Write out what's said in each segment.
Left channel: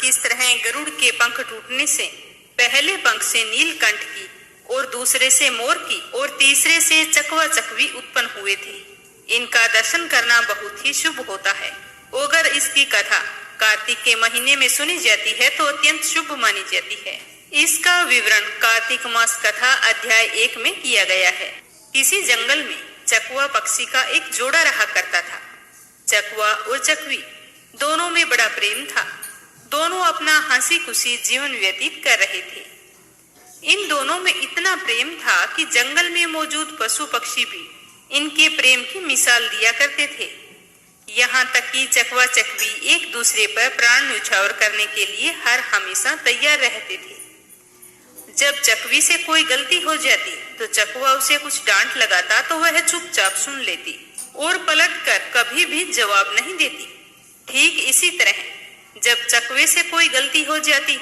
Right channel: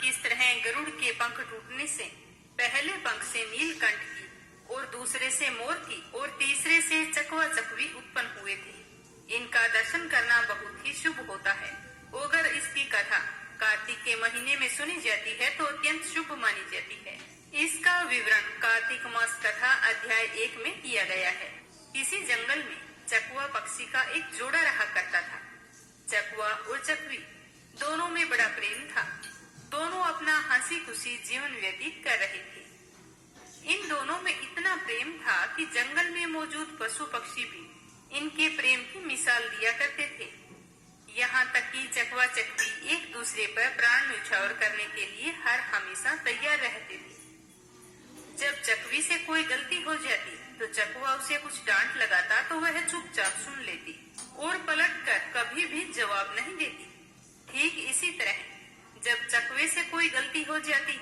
किस तरह गरुड़ के पंख टूटने से पहले पंख से नीलकंठ की और दूसरे से मोर की और तीसरे से चकवा चकवी उत्पन्न हुए थे। इनका दर्शन करना बहुत ही शुभ होता है। अगर इसकी कथा कार्तिक के महीने में सुनी जाती है तो अत्यंत शुभ मानी जाती है। इसका विवरण कार्तिक मास कथा अध्याय 1 में किया गया है। किसी जंगल में चकवा पक्षी का एक जोड़ा रहा करता था। चकवा और चकवी दोनों में बड़ा प्रेम था। दोनों अपना हंसी खुशी जीवन व्यतीत कर रहे थे। इन दोनों में इतना प्रेम था कि जंगल में मौजूद पशु पक्षी भी इनके प्रेम की मिसाल दिया करते थे। यहाँ तक कि चकवा चकवी एक दूसरे पर प्राण न्यौछावर करने के लिए हर हमेशा तैयार रहते थे। जब चकवी से कोई गलती हो जाती तो चकवा उसे कुछ डांट लगाता तो वह चुपचाप सुन लेती और पलटकर कभी भी जवाब नहीं देती। ठीक इसी तरह जब चकवे से कोई गलती हो जाती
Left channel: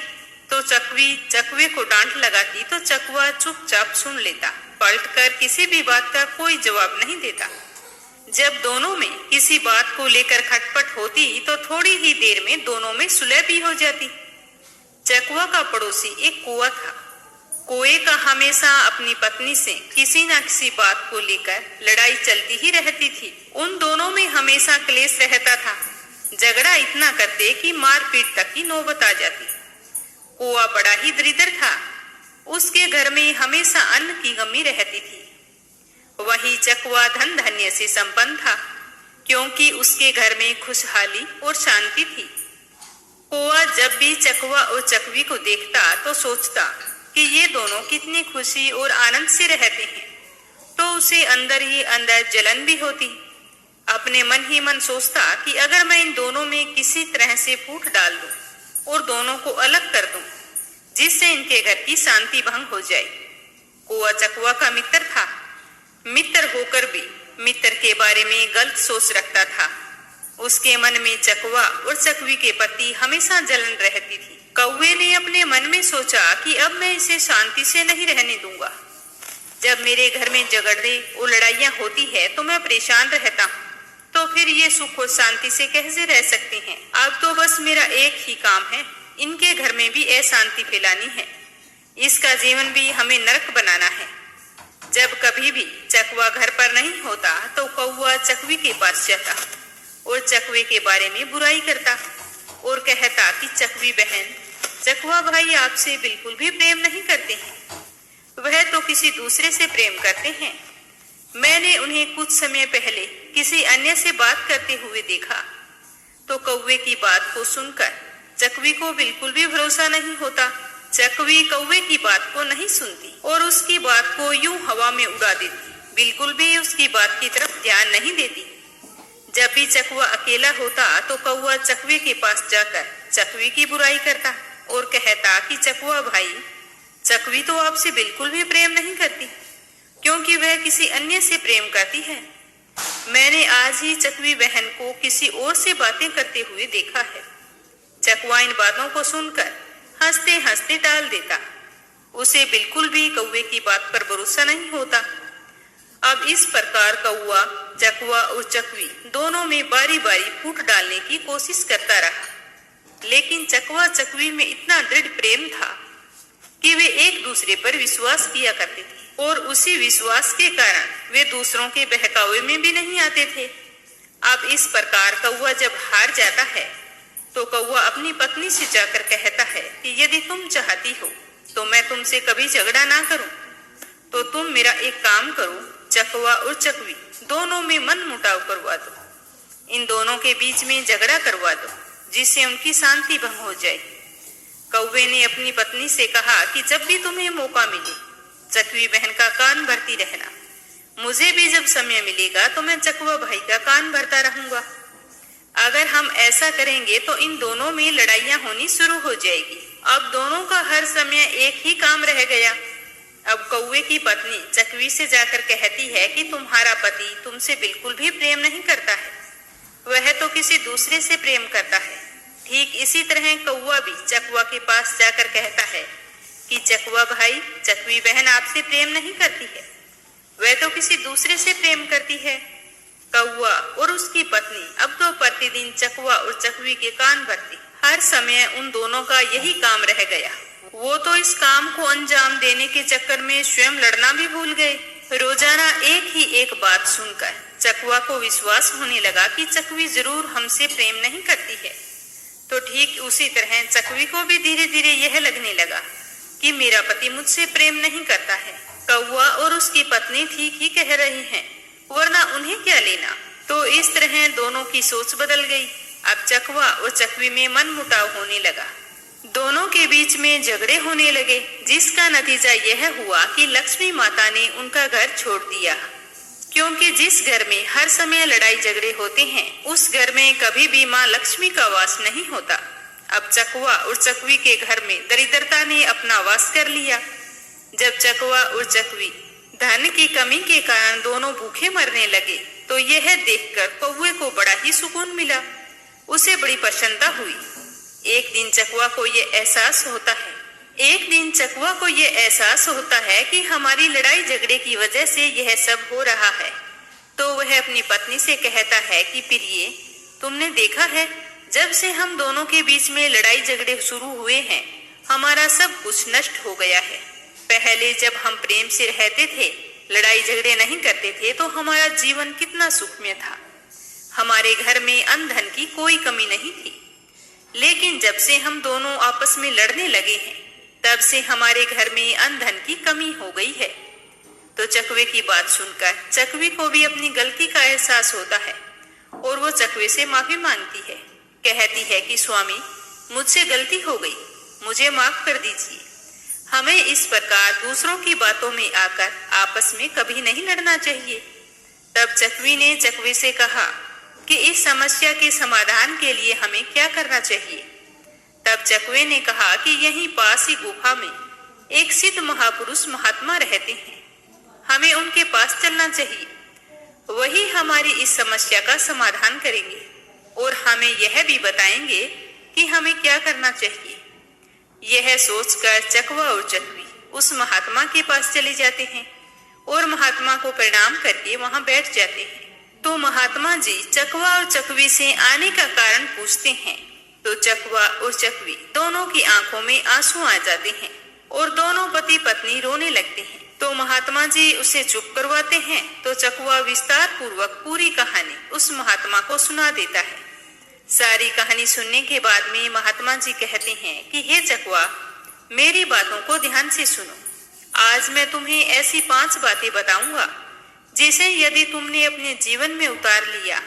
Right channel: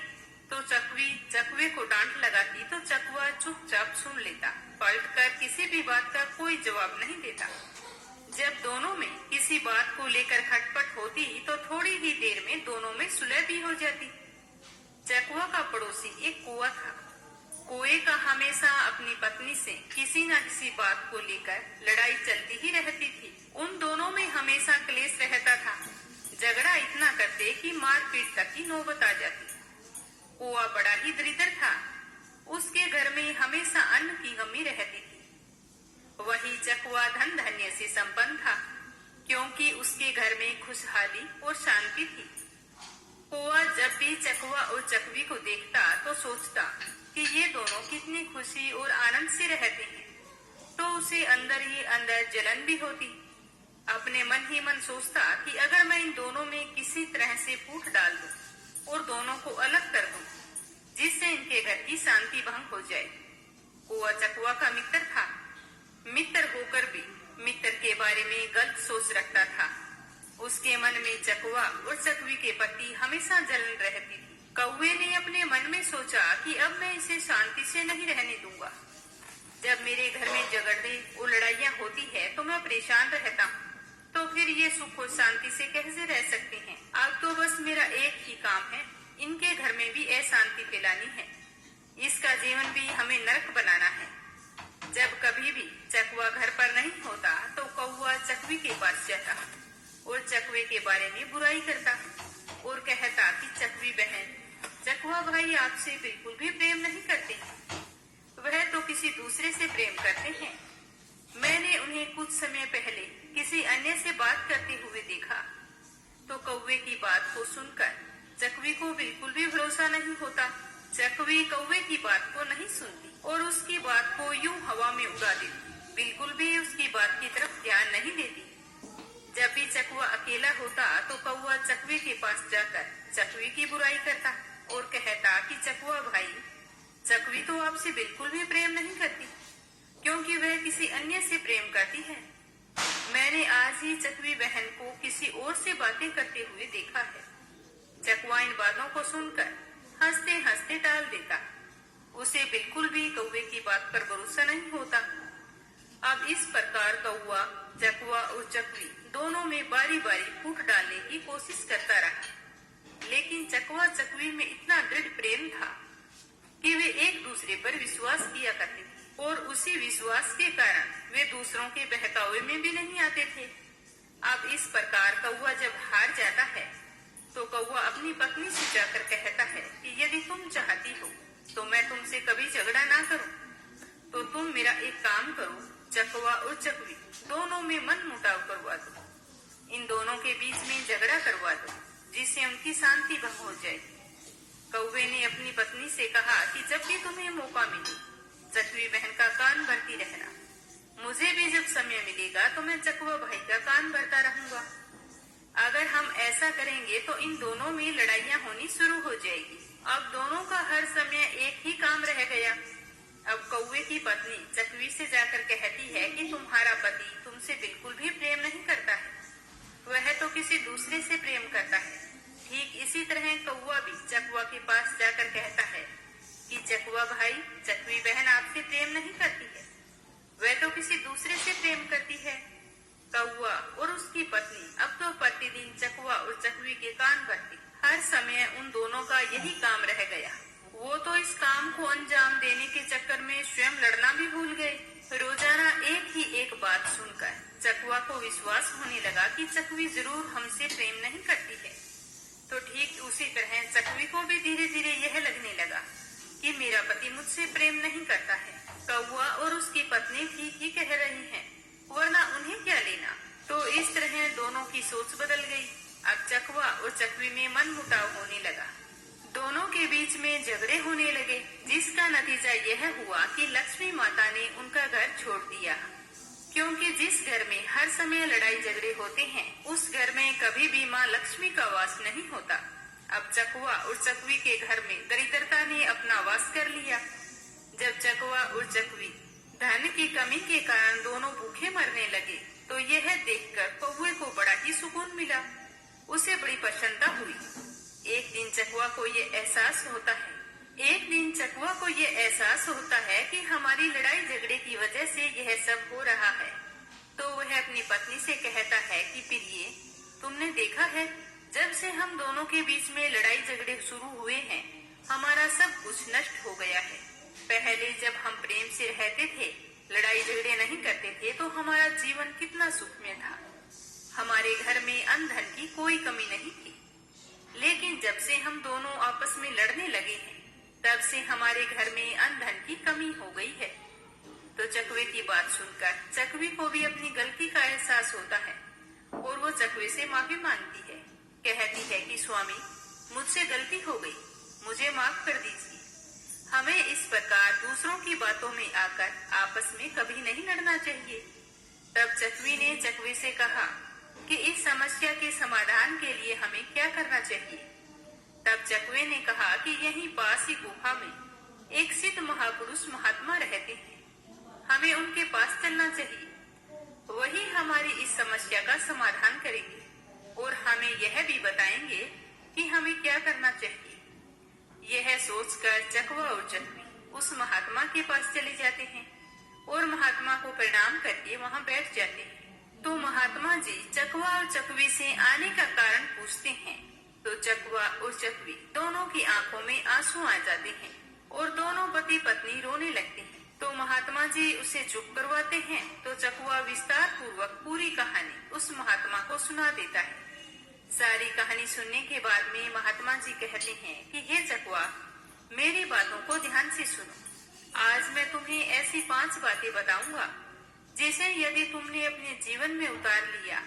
तो चकवी चकवे को डांट लगाती तो चकवा चुपचाप सुन लेता, पलटकर किसी भी बात का कोई जवाब नहीं देता। जब दोनों में किसी बात को लेकर खटपट होती तो थोड़ी ही देर में दोनों में सुलह भी हो जाती। चकवा का पड़ोसी एक कुआं था। कुएं का हमेशा अपनी पत्नी से किसी न किसी बात को लेकर लड़ाई चलती ही रहती थी। उन दोनों में हमेशा क्लेश रहता था। झगड़ा इतना करते कि मारपीट तक की नौबत आ जाती। कुआं बड़ा ही दरिद्र था। उसके घर में हमेशा अन्न की कमी रहती थी। वही चकवा धन धान्य से संपन्न था, क्योंकि उसके घर में खुशहाली और शांति थी। कुआं जब भी चकवा और चकवी को देखता तो सोचता कि ये दोनों कितनी खुशी और आनंद से रहते हैं, तो उसे अंदर ही अंदर जलन भी होती। अपने मन ही मन सोचता कि अगर मैं इन दोनों में किसी तरह से फूट डाल दूं और दोनों को अलग कर दूं, जिससे इनके घर की शांति भंग हो जाए। कुआं चकवा का मित्र था। मित्र होकर भी मित्र के बारे में गलत सोच रखता था। उसके मन में चकवा और चकवी के प्रति हमेशा जलन रहती थी। कौवे ने अपने मन में सोचा कि अब मैं इसे शांति से नहीं रहने दूंगा। जब मेरे घर में झगड़े और लड़ाइयां होती है तो मैं परेशान रहता हूँ, तो फिर ये सुख और शांति से कैसे रह सकते हैं। अब तो बस मेरा एक ही काम है, इनके घर में भी अशांति फैलानी है। इसका जीवन भी हमें नरक बनाना है। जब कभी भी चकवा घर पर नहीं होता तो कौवा चकवी के पास जाता और चकवे के बारे में बुराई करता और कहता कि चकवी बहन, चकवा भाई आपसे बिल्कुल भी प्रेम नहीं करते हैं। वह तो किसी दूसरे से प्रेम करते हैं। मैंने उन्हें कुछ समय पहले किसी अन्य से बात करते हुए देखा। तो कौवे की बात को सुनकर चकवी को बिल्कुल भी भरोसा नहीं होता। चकवी कौवे की बात को नहीं सुनती और उसकी बात को यूं हवा में उड़ा देती, बिल्कुल भी उसकी बात की तरफ ध्यान नहीं देती। जब भी चकवा अकेला होता तो कौवा चकवे के पास जाकर चकवी की बुराई करता और कहता कि चकवा भाई, चकवी तो आपसे बिल्कुल भी प्रेम नहीं करती, क्योंकि वह किसी अन्य से प्रेम करती है। मैंने आज ही चकवी बहन को किसी और से बातें करते हुए देखा है। चकवा इन बातों को सुनकर हंसते हंसते टाल देता। उसे बिल्कुल भी कौवे की बात पर भरोसा नहीं होता। अब इस प्रकार कौवा, चकवा और चकवी दोनों में बारी बारी फूट डालने की कोशिश करता रहा, लेकिन चकवा चकवी में इतना दृढ़ प्रेम था कि वे एक दूसरे पर विश्वास किया करते थे और उसी विश्वास के कारण वे दूसरों के बहकावे में भी नहीं आते थे। अब इस प्रकार कौवा जब हार जाता है तो कौवा अपनी पत्नी से जाकर कहता है कि यदि तुम चाहती हो तो मैं तुमसे कभी झगड़ा ना करूं, तो तुम मेरा एक काम करो, चकवा और चकवी दोनों में मन मुटाव करवा दो। इन दोनों के बीच में झगड़ा करवा दो, जिससे उनकी शांति भंग हो जाए। कौवे ने अपनी पत्नी से कहा कि जब भी तुम्हें मौका मिले चकवी बहन का कान भरती रहना। मुझे भी जब समय मिलेगा तो मैं चकवा भाई का कान भरता रहूंगा। अगर हम ऐसा करेंगे तो इन दोनों में लड़ाइयां होनी शुरू हो जाएगी। अब दोनों का हर समय एक ही काम रह गया। अब कौवे की पत्नी चकवी से जाकर कहती है कि तुम्हारा पति तुमसे बिल्कुल भी प्रेम नहीं करता है, वह तो किसी दूसरे से प्रेम करता है। ठीक इसी तरह कौवा भी चकवा के पास जाकर कहता है कि चकवा भाई, चकवी बहन आपसे प्रेम नहीं करती है, वह तो किसी दूसरे से प्रेम करती है। कौवा और उसकी पत्नी अब तो प्रतिदिन चकवा और चकवी के कान भरती, हर समय उन दोनों का यही काम रह गया। वो तो इस काम को अंजाम देने के चक्कर में स्वयं लड़ना भी भूल गए। रोजाना एक ही एक बात सुनकर चकवा को विश्वास होने लगा कि चकवी जरूर हमसे प्रेम नहीं करती है। तो ठीक उसी तरह चकवी को भी धीरे धीरे यह लगने लगा कि मेरा पति मुझसे प्रेम नहीं करता है। कौवा और उसकी पत्नी ठीक ही कह रही हैं, वरना उन्हें क्या लेना। तो इस तरह दोनों की सोच बदल गई। अब चकवा और चकवी में मनमुटाव होने लगा। दोनों के बीच में झगड़े होने लगे, जिसका नतीजा यह हुआ कि लक्ष्मी माता ने उनका घर छोड़ दिया। क्योंकि जिस घर में हर समय लड़ाई झगड़े होते हैं, उस घर में कभी भी माँ लक्ष्मी का वास नहीं होता। अब चकवा और चकवी के घर में दरिद्रता ने अपना वास कर लिया। जब चकवा और चकवी धन की कमी के कारण दोनों भूखे मरने लगे, तो यह देखकर कौवे को बड़ा ही सुकून मिला। उसे बड़ी प्रसन्नता हुई। एक दिन चकवा को ये एहसास होता है कि हमारी लड़ाई झगड़े की वजह से यह सब हो रहा है। तो वह अपनी पत्नी से कहता है कि प्रिय, तुमने देखा है, जब से हम दोनों के बीच में लड़ाई झगड़े शुरू हुए हैं, हमारा सब कुछ नष्ट हो गया है। पहले जब हम प्रेम से रहते थे, लड़ाई झगड़े नहीं करते थे, तो हमारा जीवन कितना सुखमय था। हमारे घर में अन्न धन की कोई कमी नहीं थी। लेकिन जब से हम दोनों आपस में लड़ने लगे हैं, तब से हमारे घर में अन्न धन की कमी हो गई है। तो चकवे की बात सुनकर चकवी को भी अपनी गलती का एहसास होता है और वो चकवे से माफी मांगती है। कहती है कि स्वामी, मुझसे गलती हो गई, मुझे माफ कर दीजिए। हमें इस प्रकार दूसरों की बातों में आकर आपस में कभी नहीं लड़ना चाहिए। तब चकवी ने चकवे से कहा कि इस समस्या के समाधान के लिए हमें क्या करना चाहिए। तब चकवे ने कहा कि यहीं पास ही गुफा में एक सिद्ध महापुरुष महात्मा रहते हैं, हमें उनके पास चलना चाहिए। वही हमारी इस समस्या का समाधान करेंगे और हमें यह भी बताएंगे कि हमें क्या करना चाहिए। यह सोचकर चकवा और चकवी उस महात्मा के पास चले जाते हैं और महात्मा को प्रणाम करके वहां बैठ जाते हैं। तो महात्मा जी चकवा और चकवी से आने का कारण पूछते हैं। तो चकवा और चकवी दोनों की आंखों में आंसू आ जाते हैं और दोनों पति पत्नी रोने लगते हैं। तो महात्मा जी उसे चुप करवाते हैं। तो चकवा विस्तार पूर्वक पूरी कहानी उस महात्मा को सुना देता है। सारी कहानी सुनने के बाद में महात्मा जी कहते हैं कि हे चकवा, मेरी बातों को ध्यान से सुनो। आज मैं तुम्हें ऐसी 5 बातें बताऊंगा जिसे यदि तुमने अपने जीवन में उतार लिया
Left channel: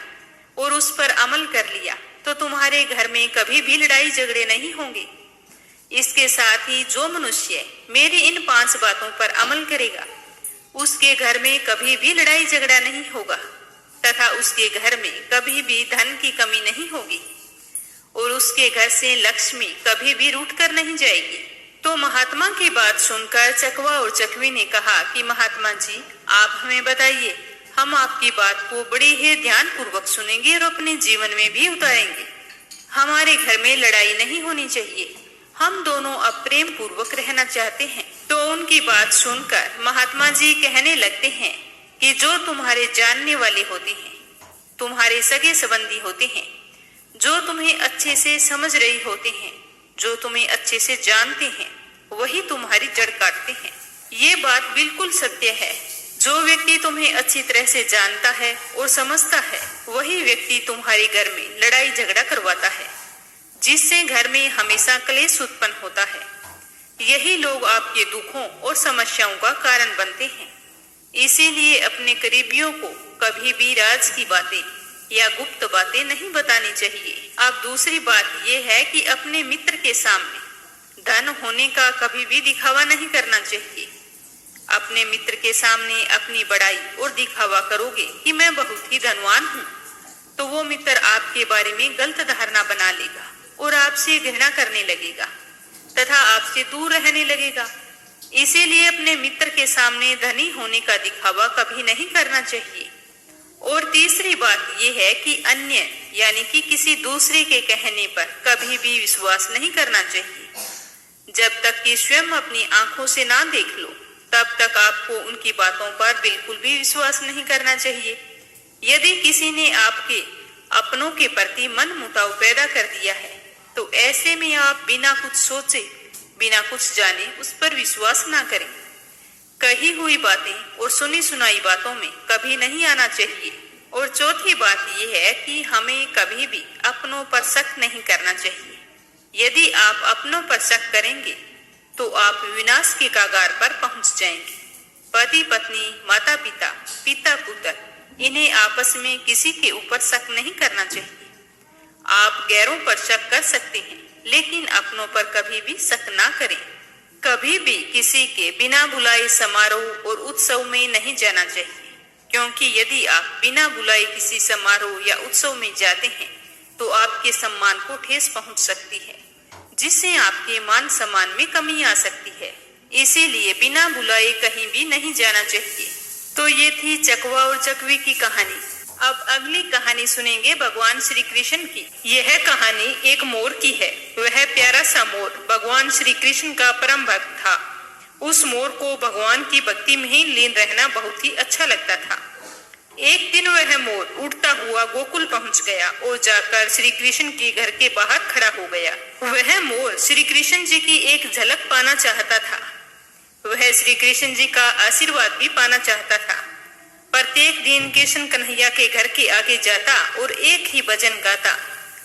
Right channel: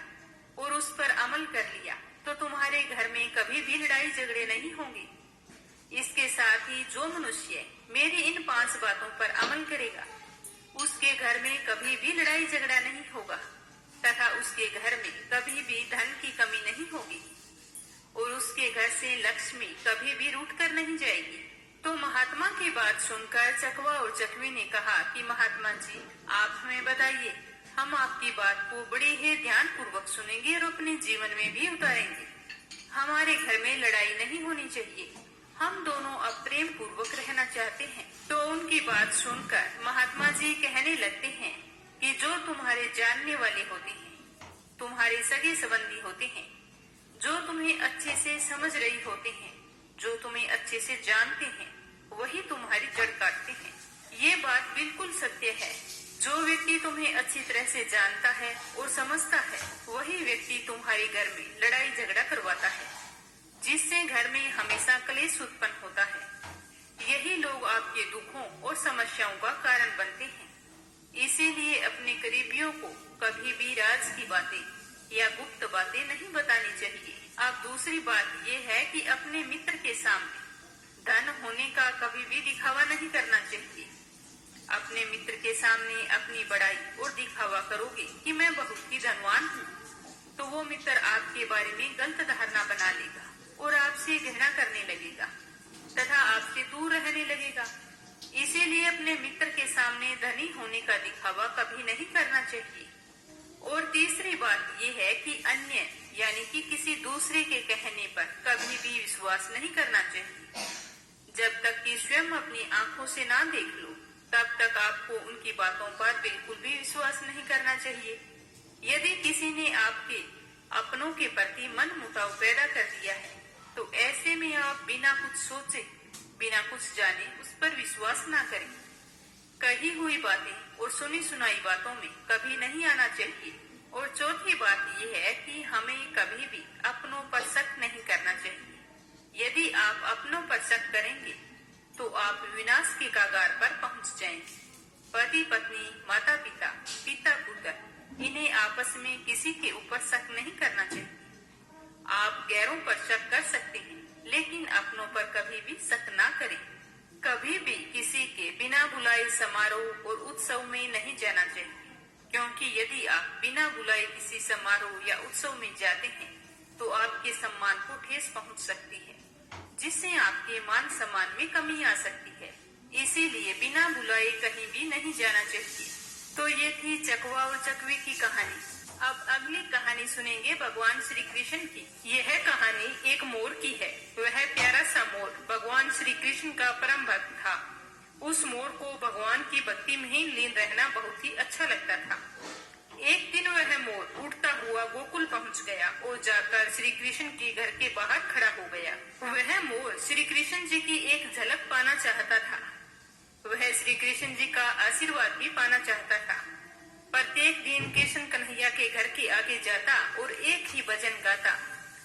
और उस पर अमल कर लिया, तो तुम्हारे घर में कभी भी लड़ाई झगड़े नहीं होंगे। इसके साथ ही जो मनुष्य मेरी इन 5 बातों पर अमल करेगा, उसके घर में कभी भी लड़ाई झगड़ा नहीं होगा तथा उसके घर में कभी भी धन की कमी नहीं होगी और उसके घर से लक्ष्मी कभी भी रूठ कर नहीं जाएगी। तो महात्मा की बात सुनकर चकवा और चकवी ने कहा कि महात्मा जी, आप हमें बताइए, हम आपकी बात को बड़े ही ध्यान पूर्वक सुनेंगे और अपने जीवन में भी उतारेंगे। हमारे घर में लड़ाई नहीं होनी चाहिए, हम दोनों अब प्रेम पूर्वक रहना चाहते हैं। तो उनकी बात सुनकर महात्मा जी कहने लगते हैं कि जो तुम्हारे जानने वाले होते हैं, तुम्हारे सगे संबंधी होते हैं, जो तुम्हें अच्छे से समझ रही होते हैं, जो तुम्हें अच्छे से जानते हैं, वही तुम्हारी जड़ काटते हैं। ये बात बिल्कुल सत्य है। जो व्यक्ति तुम्हें अच्छी तरह से जानता है और समझता है, वही व्यक्ति तुम्हारे घर में लड़ाई झगड़ा करवाता है, जिससे घर में हमेशा क्लेश उत्पन्न होता है। यही लोग आपके दुखों और समस्याओं का कारण बनते हैं। इसीलिए अपने करीबियों को कभी भी राज की बातें या गुप्त बातें नहीं बतानी चाहिए। अब दूसरी बात यह है कि अपने मित्र के सामने धन होने का कभी भी दिखावा नहीं करना चाहिए। अपने मित्र के सामने अपनी बड़ाई और दिखावा करोगे कि मैं बहुत ही धनवान हूँ, तो वो मित्र आपके बारे में गलत धारणा बना लेगा और आपसे घृणा करने लगेगा तथा आपसे दूर रहने लगेगा। इसीलिए अपने मित्र के सामने धनी होने का दिखावा कभी नहीं करना चाहिए। और तीसरी बात यह है कि अन्य यानी कि किसी दूसरे के कहने पर कभी भी विश्वास नहीं करना चाहिए। जब तक कि स्वयं अपनी आंखों से ना देख लो, तब तक आपको उनकी बातों पर बिल्कुल भी विश्वास नहीं करना चाहिए। यदि किसी ने आपके अपनों के प्रति मन मुटाव पैदा कर दिया है, तो ऐसे में आप बिना कुछ सोचे, बिना कुछ जाने उस पर विश्वास ना करें। कही हुई बातें और सुनी सुनाई बातों में कभी नहीं आना चाहिए। और चौथी बात यह है कि हमें कभी भी अपनों पर शक नहीं करना चाहिए। यदि आप अपनों पर शक करेंगे तो आप विनाश के कगार पर पहुंच जाएंगे। पति पत्नी, माता पिता, पिता पुत्र, इन्हें आपस में किसी के ऊपर शक नहीं करना चाहिए। आप गैरों पर शक कर सकते हैं, लेकिन अपनों पर कभी भी शक ना करें। कभी भी किसी के बिना बुलाए समारोह और उत्सव में नहीं जाना चाहिए, क्योंकि यदि आप बिना बुलाए किसी समारोह या उत्सव में जाते हैं तो आपके सम्मान को ठेस पहुंच सकती है, जिससे आपके मान सम्मान में कमी आ सकती है। इसीलिए बिना बुलाए कहीं भी नहीं जाना चाहिए। तो ये थी चकवा और चकवी की कहानी। अब अगली कहानी सुनेंगे भगवान श्री कृष्ण की। यह कहानी एक मोर की है। वह प्यारा सा मोर भगवान श्री कृष्ण का परम भक्त था। उस मोर को भगवान की भक्ति में ही लीन रहना बहुत ही अच्छा लगता था। एक दिन वह मोर उड़ता हुआ गोकुल पहुंच गया और जाकर श्री कृष्ण के घर के बाहर खड़ा हो गया। वह मोर श्री कृष्ण जी की एक झलक पाना चाहता था। वह श्री कृष्ण जी का आशीर्वाद भी पाना चाहता था। प्रत्येक दिन कृष्ण कन्हैया के घर के आगे जाता और एक ही भजन गाता,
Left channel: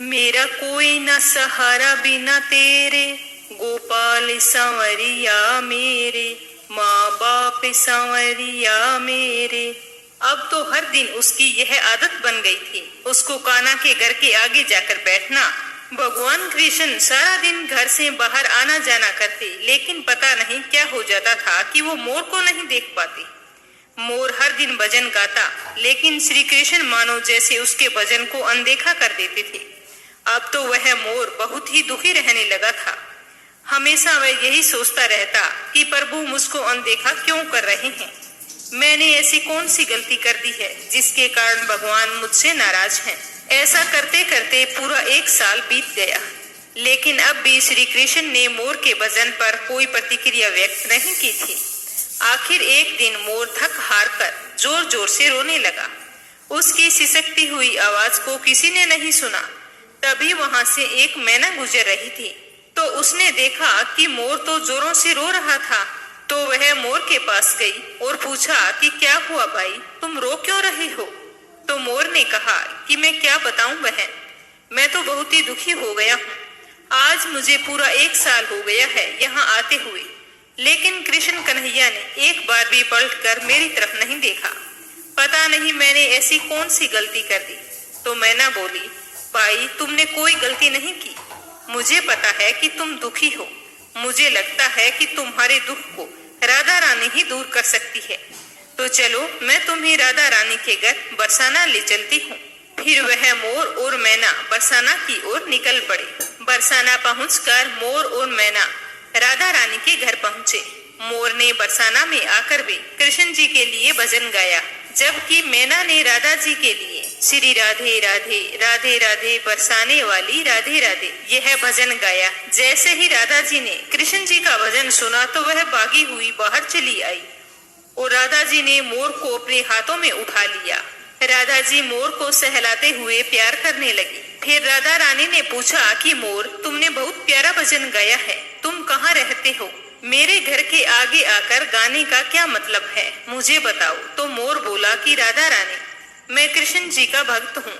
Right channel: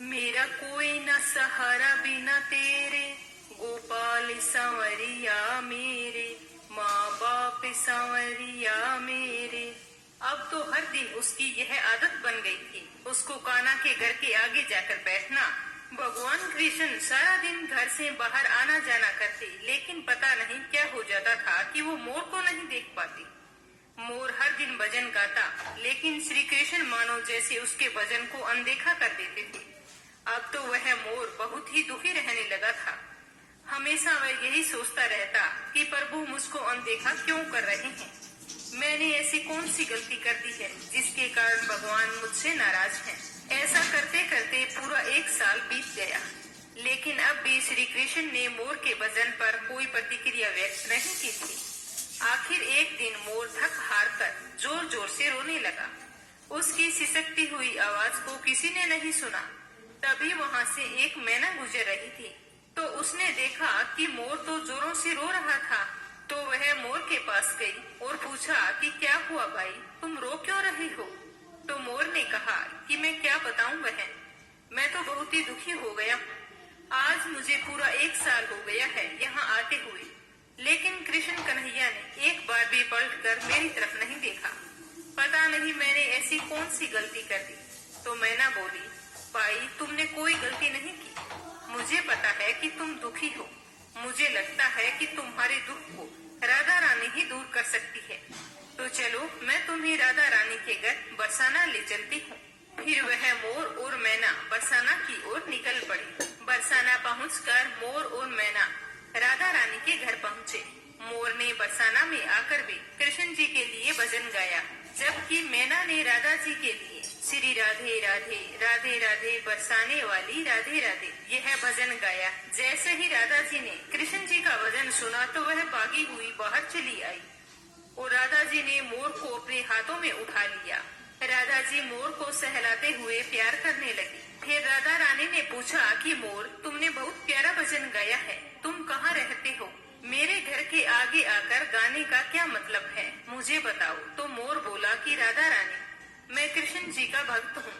मेरा कोई न सहारा बिना तेरे, गोपाल सांवरिया मेरे, माँ बाप सांवरिया मेरे। अब तो हर दिन उसकी यह आदत बन गई थी, उसको कान्हा के घर के आगे जाकर बैठना। भगवान कृष्ण सारा दिन घर से बाहर आना जाना करते, लेकिन पता नहीं क्या हो जाता था कि वो मोर को नहीं देख पाते। मोर हर दिन भजन गाता, लेकिन श्री कृष्ण मानो जैसे उसके भजन को अनदेखा कर देते थे। अब तो वह मोर बहुत ही दुखी रहने लगा था। हमेशा वह यही सोचता रहता कि प्रभु मुझको अनदेखा क्यों कर रहे हैं। मैंने ऐसी कौन सी गलती कर दी है जिसके कारण भगवान मुझसे नाराज हैं। ऐसा करते करते पूरा 1 साल बीत गया, लेकिन अब भी श्री कृष्ण ने मोर के भजन पर कोई प्रतिक्रिया व्यक्त नहीं की थी। आखिर एक दिन मोर थक हार कर जोर जोर से रोने लगा। उसकी सिसकती हुई आवाज को किसी ने नहीं सुना। तभी वहां से एक मैना गुजर रही थी, तो उसने देखा कि मोर तो जोरों से रो रहा था। तो वह मोर के पास गई और पूछा कि क्या हुआ भाई, तुम रो क्यों रहे हो? तो मोर ने कहा कि मैं क्या बताऊं बहन, मैं तो बहुत ही दुखी हो गया हूँ। आज मुझे पूरा 1 साल हो गया है यहाँ आते हुए, लेकिन कृष्ण कन्हैया ने एक बार भी पलटकर मेरी तरफ नहीं देखा। पता नहीं मैंने ऐसी कौन सी गलती कर दी। तो मैना बोली, भाई तुमने कोई गलती नहीं की। मुझे पता है कि तुम दुखी हो। मुझे लगता है कि तुम्हारे दुख को राधा रानी ही दूर कर सकती है। तो चलो मैं तुम्हें राधा रानी के घर बरसाना ले चलती हूँ। फिर वह मोर और मैना बरसाना की ओर निकल पड़े। बरसाना पहुंचकर मोर और मैना राधा रानी के घर पहुँचे। मोर ने बरसाना में आकर भी कृष्ण जी के लिए भजन गाया, जबकि मैना ने राधा जी के लिए श्री राधे राधे राधे राधे बरसाने वाली राधे राधे यह भजन गाया। जैसे ही राधा जी ने कृष्ण जी का भजन सुना तो वह भागी हुई बाहर चली आई और राधा जी ने मोर को अपने हाथों में उठा लिया। राधा जी मोर को सहलाते हुए प्यार करने लगी। फिर राधा रानी ने पूछा कि मोर, तुमने बहुत प्यारा भजन गाया है, तुम कहाँ रहते हो? मेरे घर के आगे आकर गाने का क्या मतलब है, मुझे बताओ। तो मोर बोला कि राधा रानी, मैं कृष्ण जी का भक्त हूँ।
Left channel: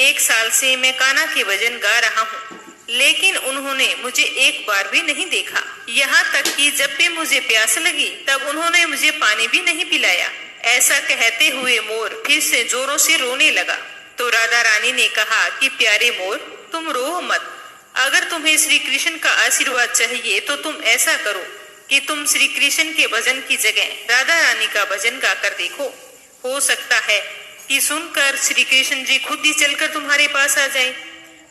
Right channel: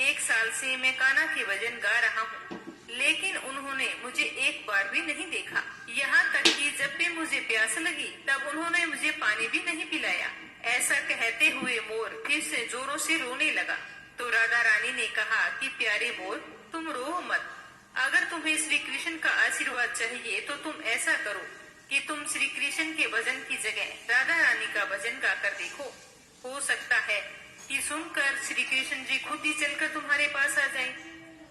1 साल से मैं कान्हा के भजन गा रहा हूँ, लेकिन उन्होंने मुझे एक बार भी नहीं देखा। यहाँ तक कि जब भी मुझे प्यास लगी तब उन्होंने मुझे पानी भी नहीं पिलाया। ऐसा कहते हुए मोर फिर से जोरों से रोने लगा। तो राधा रानी ने कहा कि प्यारे मोर, तुम रो मत। अगर तुम्हें श्री कृष्ण का आशीर्वाद चाहिए तो तुम ऐसा करो कि तुम श्री कृष्ण के भजन की जगह राधा रानी का भजन गाकर देखो। हो सकता है कि सुनकर श्री कृष्ण जी खुद ही चलकर तुम्हारे पास आ जाए।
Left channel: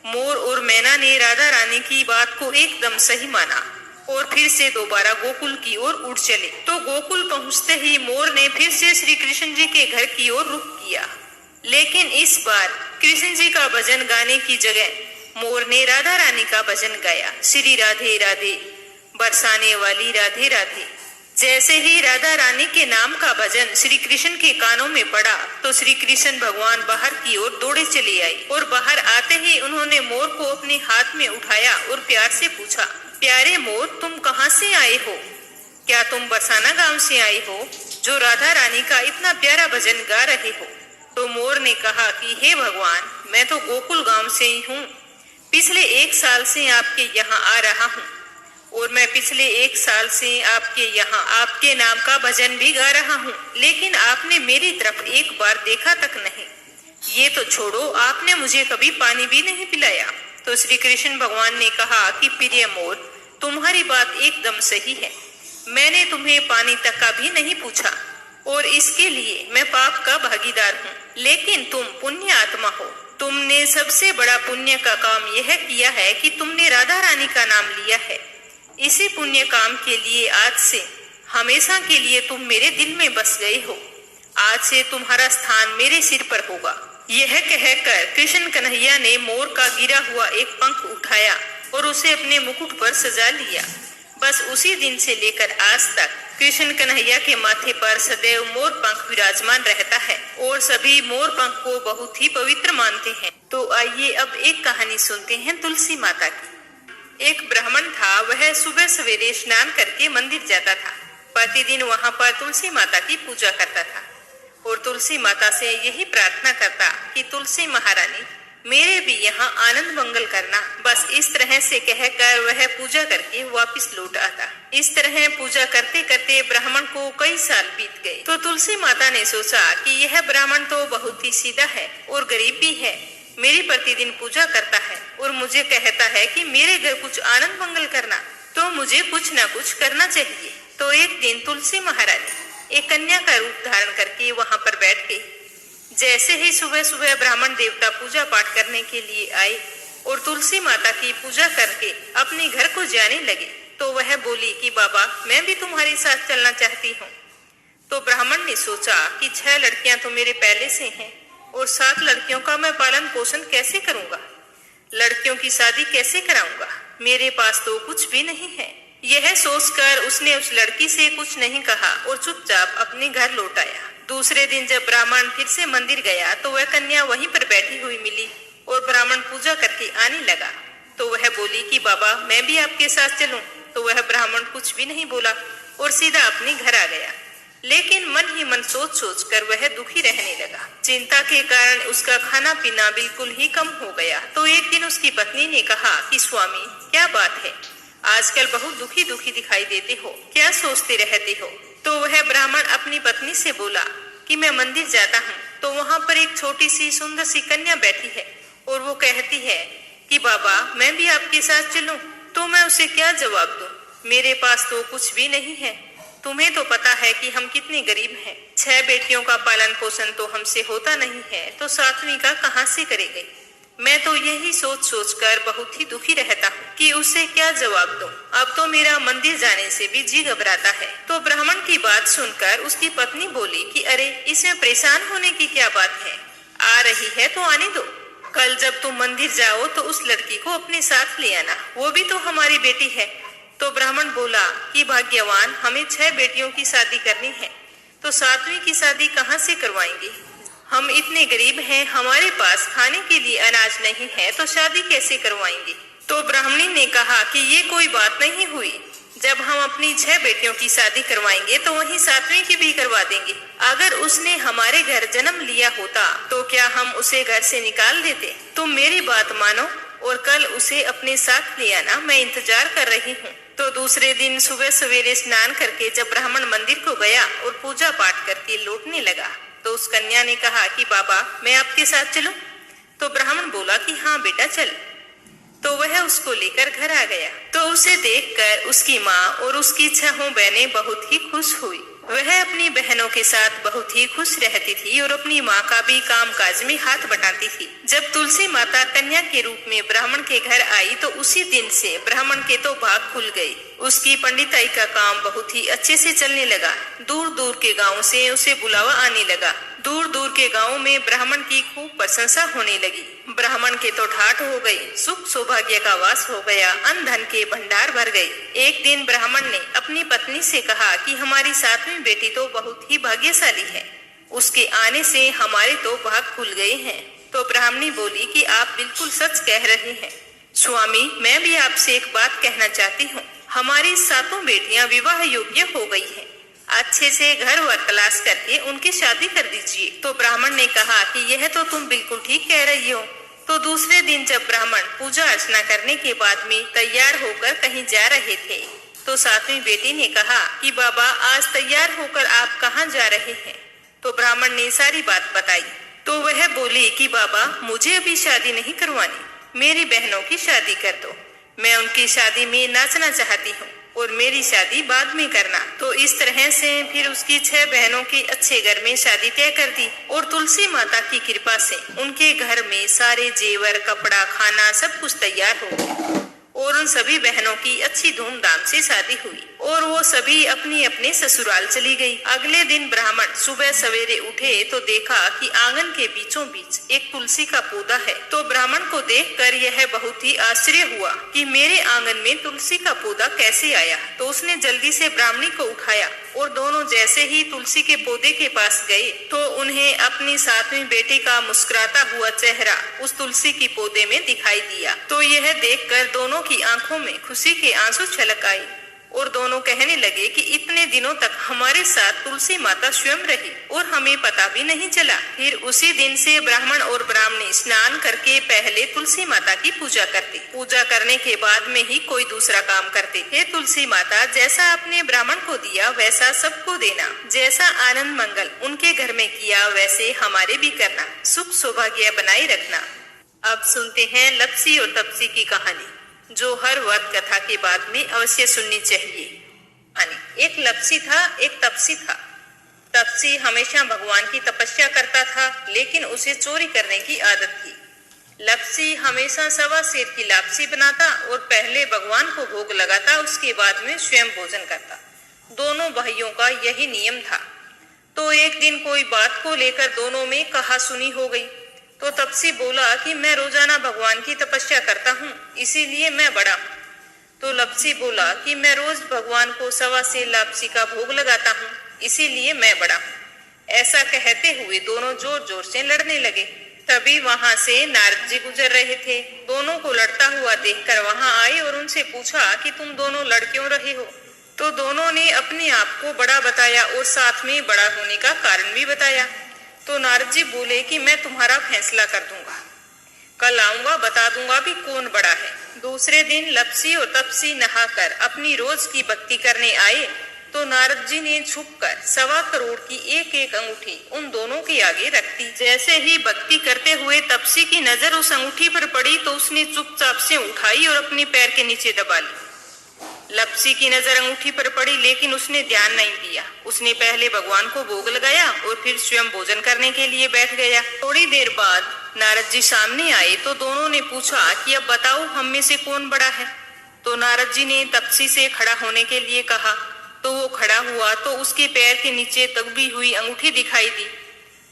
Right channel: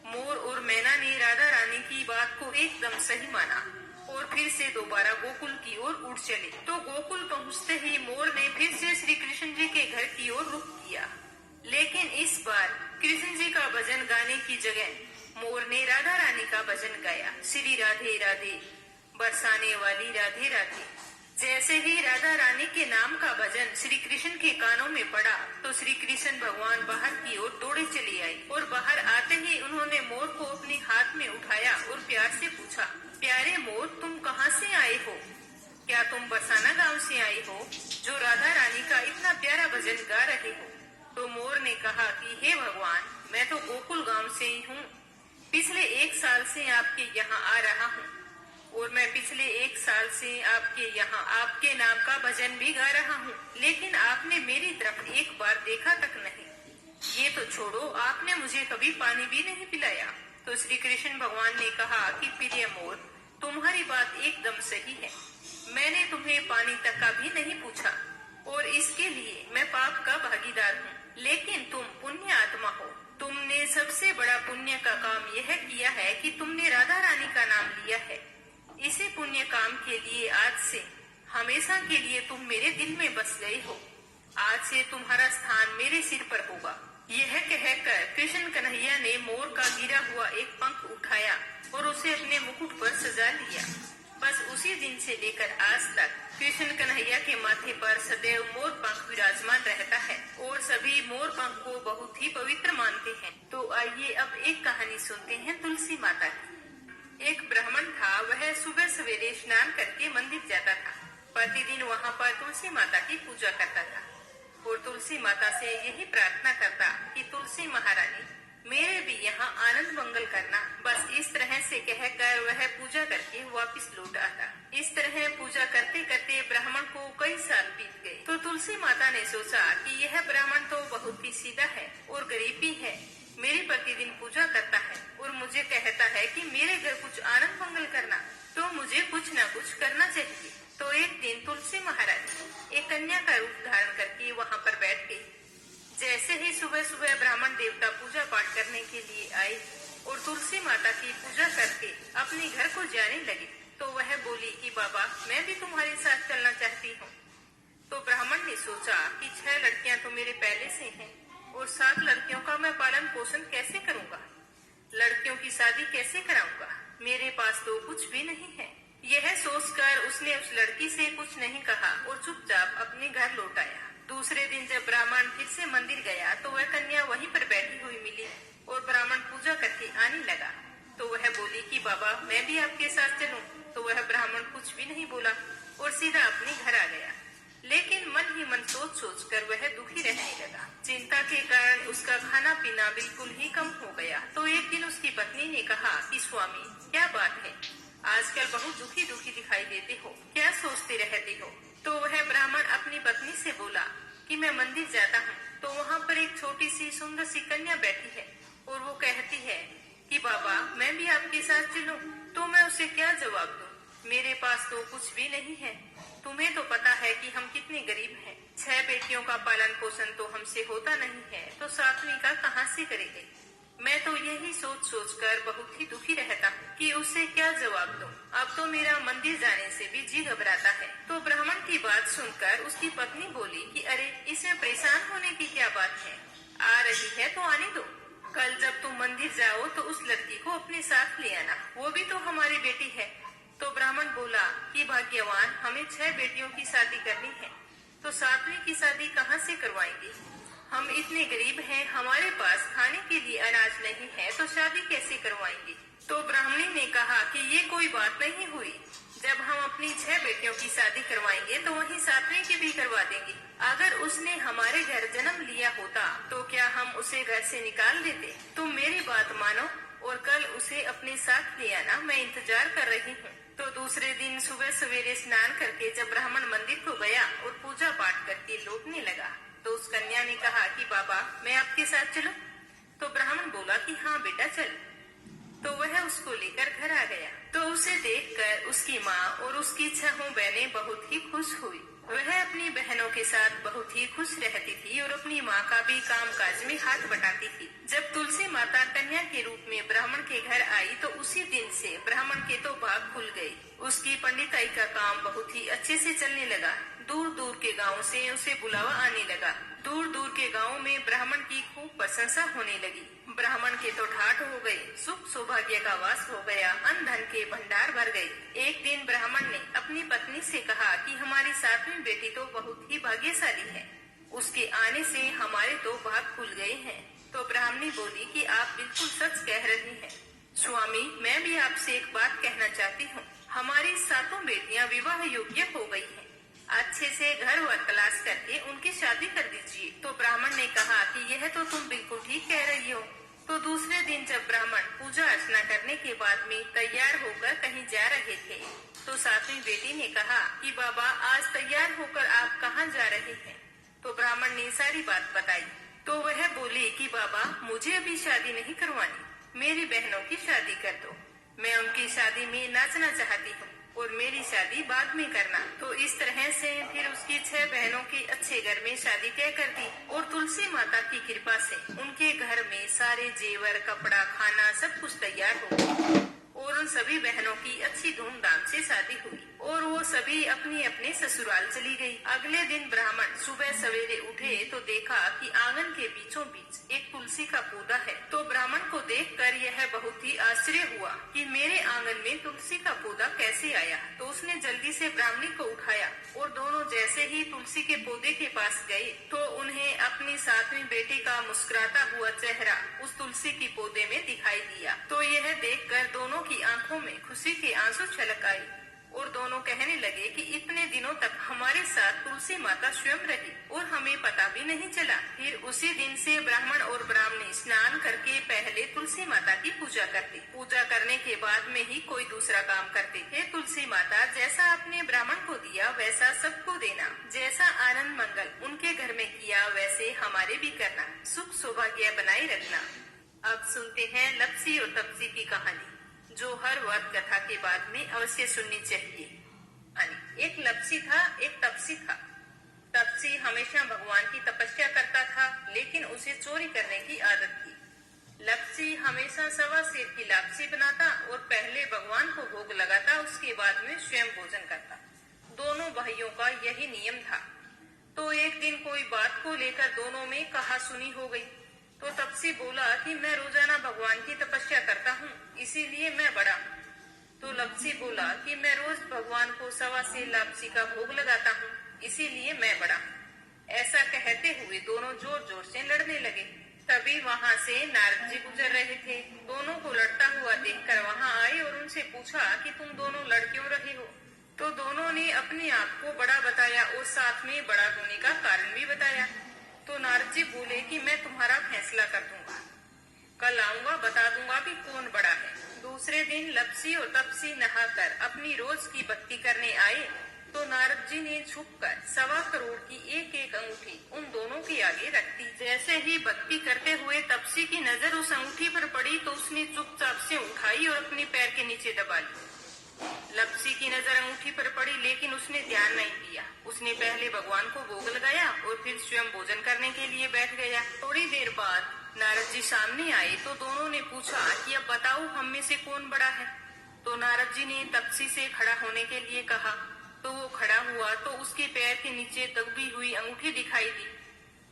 मोर और मैना ने राधा रानी की बात को एकदम सही माना और फिर से दोबारा गोकुल की ओर उड़ चले। तो गोकुल पहुंचते ही मोर ने फिर से श्री कृष्ण जी के घर की ओर रुख किया, लेकिन इस बार कृष्ण जी का भजन गाने की जगह मोर ने राधा रानी का भजन गाया, श्री राधे राधे बरसाने वाली राधे राधे। जैसे ही राधा रानी के नाम का भजन श्री कृष्ण के कानों में पड़ा तो श्री कृष्ण भगवान बाहर की ओर दौड़े चले आए और बाहर आते ही उन्होंने मोर को अपने हाथ में उठाया और प्यार से पूछा, प्यारे मोर, तुम कहाँ से आए हो? क्या तुम बरसाना गांव से आए हो जो राधा रानी का इतना प्यारा भजन गा रहे हो? तो मोर ने कहा कि हे भगवान, मैं तो गोकुल गांव से ही हूँ। पिछले 1 साल से आपके यहाँ आ रहा हूँ और मैं पिछले 1 साल से आपके यहाँ आपके नाम का भजन भी गा रहा हूँ, लेकिन आपने मेरी तरफ एक बार देखा तक नहीं। ये तो छोड़ो, आपने मुझे कभी पानी भी नहीं पिलाया। तो श्री कृष्ण भगवान ने कहा कि प्रिय मोर, तुम्हारी बात एकदम सही है। मैंने तुम्हें पानी तक का भी नहीं पूछा और इसके लिए मैं पाप का भागीदार हूँ, लेकिन तुम पुण्य आत्मा हो। तुमने सबसे बड़ा पुण्य का काम यह किया है कि तुमने राधा रानी का नाम लिया है। इसी पुण्य काम के लिए आज से हमेशा के लिए तुम मेरे दिल में बस गए हो। आज से तुम्हारा स्थान मेरे सिर पर होगा। यह कहकर कृष्ण कन्हैया ने मोर का गिरा हुआ एक पंख उठाया और उसे अपने मुकुट पर सजा लिया। बस उसी दिन से लेकर आज तक कृष्ण कन्हैया के माथे पर सदैव मोर पंख विराजमान रहता है और सभी मोर पंख को बहुत ही पवित्र मानते हैं। तो आइए अब एक कहानी सुनते हैं तुलसी माता की। एक ब्राह्मण था, वह सुबह सवेरे स्नान करके मंदिर जाता था। प्रतिदिन वहां पर तुलसी माता की पूजा करता था और तुलसी माता से यही प्रार्थना करता कि तुलसी महारानी, मेरे भी यहाँ आनंद मंगल करना। बस इस तरह से कहकर वह पूजा करके वापस लौट आता। इस तरह पूजा करते करते ब्राह्मण को कई साल बीत गए। तो तुलसी माता ने सोचा कि यह ब्राह्मण तो बहुत ही सीधा है और गरीब भी है, मेरी प्रतिदिन पूजा करता है और मुझे कहता है कि मेरे घर कुछ आनंद मंगल करना, तो मुझे कुछ न कुछ करना चाहिए। तो एक दिन तुलसी महारानी एक कन्या का रूप धारण करके वहां पर बैठ गई। जैसे ही सुबह सुबह ब्राह्मण देवता पूजा पाठ करने के लिए आए और तुलसी माता की पूजा करके अपने घर को जाने लगे, तो वह बोली कि बाबा, मैं भी तुम्हारे साथ चलना चाहती हूँ। तो ब्राह्मण ने सोचा कि 6 लड़कियां तो मेरे पहले से हैं और 7 लड़कियों का मैं पालन पोषण कैसे करूंगा, लड़कियों की शादी कैसे कराऊंगा, मेरे पास तो कुछ भी नहीं है। यह सोचकर उसने उस लड़की से कुछ नहीं कहा और चुपचाप अपने घर लौट आया। दूसरे दिन जब ब्राह्मण फिर से मंदिर गया तो वह कन्या वहीं पर बैठी हुई मिली और ब्राह्मण पूजा करके आने लगा। तो वह बोली कि बाबा, मैं भी आपके साथ चलूं। तो वह ब्राह्मण कुछ भी नहीं बोला और सीधा अपने घर आ गया। लेकिन मन ही मन सोच सोच कर वह दुखी रहने लगा। चिंता के कारण उसका खाना पीना बिल्कुल ही कम हो गया। तो एक दिन उसकी पत्नी ने कहा कि स्वामी, क्या बात है, आजकल बहुत दुखी दुखी दिखाई देते हो, क्या सोचते रहते हो? तो वह ब्राह्मण अपनी पत्नी से बोला कि मैं मंदिर जाता हूँ, तो वहाँ पर एक छोटी सी सुंदर सी कन्या बैठी है और वो कहती है कि बाबा, मैं भी आपके साथ चलूं। तो मैं उसे क्या जवाब दूं? मेरे पास तो कुछ भी नहीं है। तुम्हें तो पता है कि हम कितने गरीब हैं। 6 बेटियों का पालन पोषण तो हमसे होता नहीं है, तो 7वीं का कहाँ से करेंगे? मैं तो यही सोच सोच कर बहुत ही दुखी रहता हूँ कि उसे क्या जवाब दूं। अब तो मेरा मंदिर जाने से भी जी घबराता है। तो ब्राह्मण की बात सुनकर उसकी पत्नी बोली कि अरे, इसमें परेशान होने की क्या बात है, आ रही है तो आने दो। कल जब तुम मंदिर जाओ तो उस लड़की को अपने साथ ले आना, वो भी तो हमारी बेटी है। तो ब्राह्मण बोला कि भाग्यवान, हमें 6 बेटियों की शादी करनी है, तो 7वीं की शादी कहाँ से करवाएंगे? हम इतने गरीब हैं, हमारे पास खाने के लिए अनाज नहीं है, तो शादी कैसे करवाएंगे? तो ब्राह्मणी ने कहा कि ये कोई बात नहीं हुई, जब हम अपनी 6 बेटियों की शादी करवाएंगे तो वहीं 7वीं की भी करवा देंगे। अगर उसने हमारे घर जन्म लिया होता तो क्या हम उसे घर से निकाल देते? तुम मेरी बात मानो और कल उसे अपने साथ ले आना, मैं इंतजार कर रही हूँ। तो दूसरे दिन सुबह सवेरे स्नान करके जब ब्राह्मण मंदिर को गया और पूजा पाठ करके लौटने लगा तो उस कन्या ने कहा कि बाबा, मैं आपके साथ चलूं? तो ब्राह्मण बोला कि हाँ बेटा, चल। तो वह उसको लेकर घर आ गया। तो उसे देखकर उसकी माँ और उसकी 6 बहनें बहुत ही खुश हुई। वह अपनी बहनों के साथ बहुत ही खुश रहती थी और अपनी माँ का भी काम काज में हाथ बटाती थी। जब तुलसी माता कन्या के रूप में ब्राह्मण के घर आई तो उसी दिन से ब्राह्मण के तो भाग खुल गए। उसकी पंडिताई का काम बहुत ही अच्छे से चलने लगा। दूर दूर के गाँव से उसे बुलावा आने लगा। दूर दूर के गांवों में ब्राह्मण की खूब प्रशंसा होने लगी। ब्राह्मण के तो ठाठ हो गई, सुख सौभाग्य का वास हो गया, अन्न धन के भंडार भर गए। एक दिन ब्राह्मण ने अपनी पत्नी से कहा कि हमारी 7वीं बेटी तो बहुत ही भाग्यशाली है, उसके आने से हमारे तो भाग खुल गए हैं। तो ब्राह्मणी बोली कि आप बिल्कुल सच कह रहे हैं स्वामी, मैं भी आपसे एक बात कहना चाहती हूँ। हमारी 7 बेटियां विवाह योग्य हो गई हैं। अच्छे से घर वर तलाश करके उनकी शादी कर दीजिए। तो ब्राह्मण ने कहा कि यह तो तुम बिल्कुल ठीक कह रही हो। तो दूसरे दिन जब ब्राह्मण पूजा अर्चना करने के बाद में तैयार होकर कहीं जा रहे थे, तो 7वीं बेटी ने कहा कि बाबा, आज तैयार होकर आप कहाँ जा रहे हैं? तो ब्राह्मण ने सारी बात बताई। तो वह बोली कि बाबा, मुझे अभी शादी नहीं करवानी, मेरी बहनों की शादी कर दो। मैं उनकी शादी में नाचना चाहती हूँ और मेरी शादी बाद में करना। तो इस तरह से फिर उसकी 6 बहनों की अच्छे घर में शादी तय कर दी और तुलसी माता की कृपा से उनके घर में सारे जेवर, कपड़ा, खाना सब कुछ तैयार हो गया और उन सभी बहनों की अच्छी धूमधाम से शादी हुई और वो सभी अपने अपने ससुराल चली गई। अगले दिन ब्राह्मण सुबह सवेरे उठे तो देखा कि आंगन के बीचों बीच एक तुलसी का पौधा है। तो ब्राह्मण को देखकर यह बहुत ही आश्चर्य हुआ कि मेरे आंगन में तुलसी का पौधा कैसे आया। तो उसने जल्दी से ब्राह्मणी को उठाया और दोनों जैसे ही तुलसी के पौधे के पास गए तो उन्हें अपनी 7वीं बेटी का मुस्कुराता हुआ चेहरा उस तुलसी की पौधे में दिखाई दिया। तो यह देखकर दोनों की आंखों में खुशी के आंसू छलक आए और दोनों कहने लगे कि इतने दिनों तक हमारे साथ तुलसी माता स्वयं रही और हमें पता भी नहीं चला। फिर उसी दिन से ब्राह्मण और ब्राह्मणी स्नान करके पहले तुलसी माता की पूजा करते, पूजा करने के बाद में ही कोई दूसरा काम करते। हे तुलसी माता, जैसा आपने ब्राह्मण को दिया वैसा सबको देना, जैसा आनंद मंगल उनके घर में किया वैसे हमारे भी करना, सुख सौभाग्य बनाए रखना। अब सुनते हैं लप्सी और तपसी की कहानी, जो हर वर्त कथा के बाद में अवश्य सुननी चाहिए। एक लप्सी था, एक तपसी था। तपसी हमेशा भगवान की तपस्या करता था, लेकिन उसे चोरी करने की आदत थी। लप्सी हमेशा 1.25 सेर की लापसी बनाता और पहले भगवान को भोग लगाता, उसके बाद में स्वयं भोजन करता। दोनों भाइयों का यही नियम था। तो एक दिन कोई बात को लेकर दोनों में कहासुनी हो गई। तो तपसी बोला कि मैं रोजाना भगवान की तपस्या करता हूँ, इसीलिए मैं बड़ा हूँ। तो लप्सी बोला कि मैं रोज भगवान को 1.25 सेर लापसी का भोग लगाता हूँ, इसीलिए मैं बड़ा हूँ। ऐसा कहते हुए दोनों जोर जोर से लड़ने लगे। तभी वहां से नारद जी गुजर रहे थे। दोनों को लड़ता हुआ देखकर वहां आए और उनसे पूछा कि तुम दोनों लड़ क्यों रहे हो? तो दोनों ने अपने आप को बड़ा बताया और साथ में बड़ा होने का कारण भी बताया। तो नारद जी बोले कि मैं तुम्हारा फैसला कर दूंगा, कल आऊंगा, बता दूंगा भी कौन बड़ा है। दूसरे दिन लप्सी और तपसी नहाकर अपनी रोज की भक्ति करने आए। तो नारद जी ने छुपकर 1.25 करोड़ की एक एक अंगूठी उन दोनों के आगे रख दी। जैसे ही भक्ति करते हुए तपसी की नजर उस अंगूठी पर पड़ी तो उसने चुपचाप से उठाई और अपने पैर के नीचे दबा ली। लप्सी की नजर अंगूठी पर पड़ी, लेकिन उसने ध्यान नहीं दिया। उसने पहले भगवान को भोग लगाया और फिर स्वयं भोजन करने के लिए बैठ गया। थोड़ी देर बाद नारद जी सामने आए तो दोनों ने पूछा कि अब बताओ हम में से कौन बड़ा है। तो नारद जी ने तपसी से खड़ा होने के लिए कहा। तो वो खड़ा हुआ तो उसके पैर के नीचे दबी हुई अंगूठी दिखाई दी।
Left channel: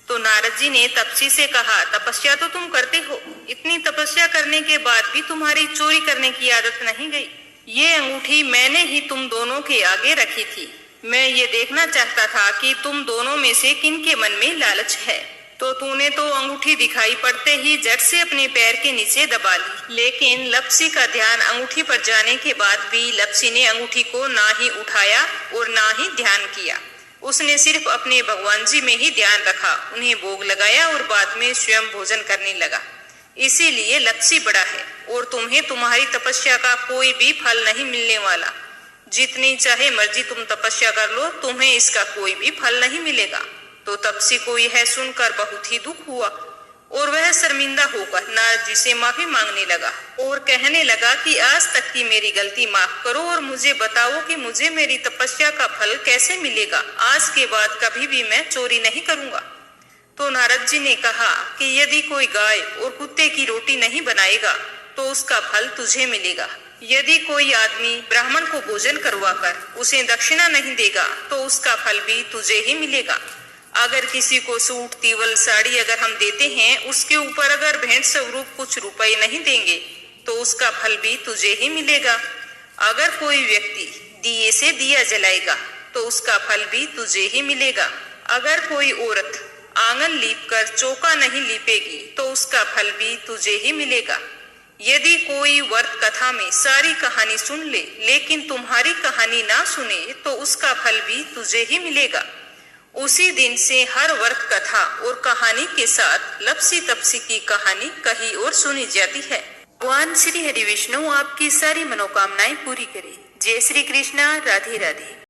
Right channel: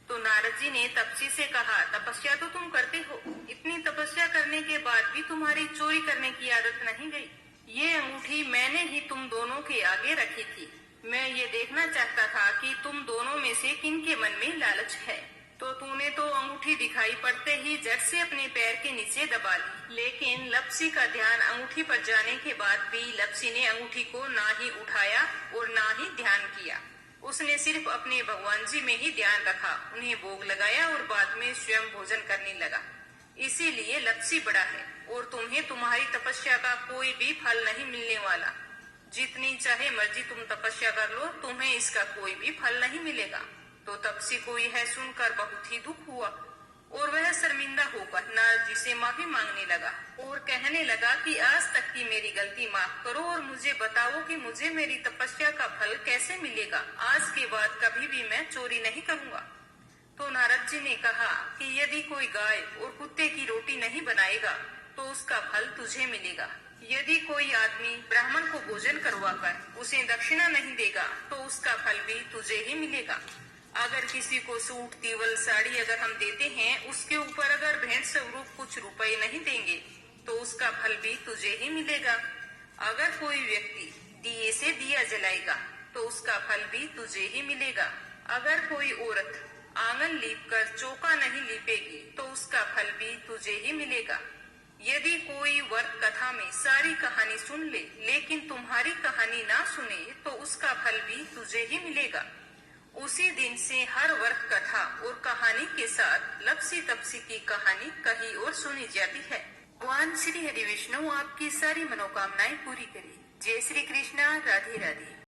तो नारद जी ने तपसी से कहा, तपस्या तो तुम करते हो, इतनी तपस्या करने के बाद भी तुम्हारी चोरी करने की आदत नहीं गई। ये अंगूठी मैंने ही तुम दोनों के आगे रखी थी। मैं ये देखना चाहता था कि तुम दोनों में से किन के मन में लालच है। तो तूने तो अंगूठी दिखाई पड़ते ही झट से अपने पैर के नीचे दबा ली। लेकिन लप्सी का ध्यान अंगूठी पर जाने के बाद भी लप्सी ने अंगूठी को ना ही उठाया और ना ही ध्यान किया। उसने सिर्फ अपने भगवान जी में ही ध्यान रखा, उन्हें भोग लगाया और बाद में स्वयं भोजन करने लगा। इसीलिए लप्सी बड़ा है और तुम्हें तुम्हारी तपस्या का कोई भी फल नहीं मिलने वाला। जितनी चाहे मर्जी तुम तपस्या कर लो, तुम्हें इसका कोई भी फल नहीं मिलेगा। तो तपसी को यह सुनकर बहुत ही दुख हुआ और वह शर्मिंदा होकर नारद जी से माफी मांगने लगा और कहने लगा कि आज तक की मेरी गलती माफ करो और मुझे बताओ कि मुझे मेरी तपस्या का फल कैसे मिलेगा। आज के बाद कभी भी मैं चोरी नहीं करूंगा। तो नारद जी ने कहा कि यदि कोई गाय और कुत्ते की रोटी नहीं बनाएगा तो उसका फल तुझे मिलेगा। यदि कोई आदमी ब्राह्मण को भोजन करवाकर उसे दक्षिणा नहीं देगा तो उसका फल भी तुझे ही मिलेगा। अगर किसी को सूट, तीवल, साड़ी अगर हम देते हैं, उसके ऊपर अगर भेंट स्वरूप कुछ रुपए नहीं देंगे तो उसका फल भी तुझे ही मिलेगा। अगर कोई व्यक्ति दिए से दिया जलाएगा तो उसका फल भी तुझे ही मिलेगा। अगर कोई औरत आंगन लीपकर चौका नहीं लीपेगी तो उसका फल भी तुझे ही मिलेगा। यदि कोई व्रत कथा में सारी कहानी सुन ले लेकिन तुम्हारी कहानी ना सुने तो उसका फल भी तुझे ही मिलेगा। उसी दिन से हर व्रत कथा और कहानी के साथ लपसी तपसी की कहानी कही और सुनी जाती है। भगवान श्री हरि विष्णु आपकी सारी मनोकामनाएं पूरी करे। जय श्री कृष्णा। राधे राधे।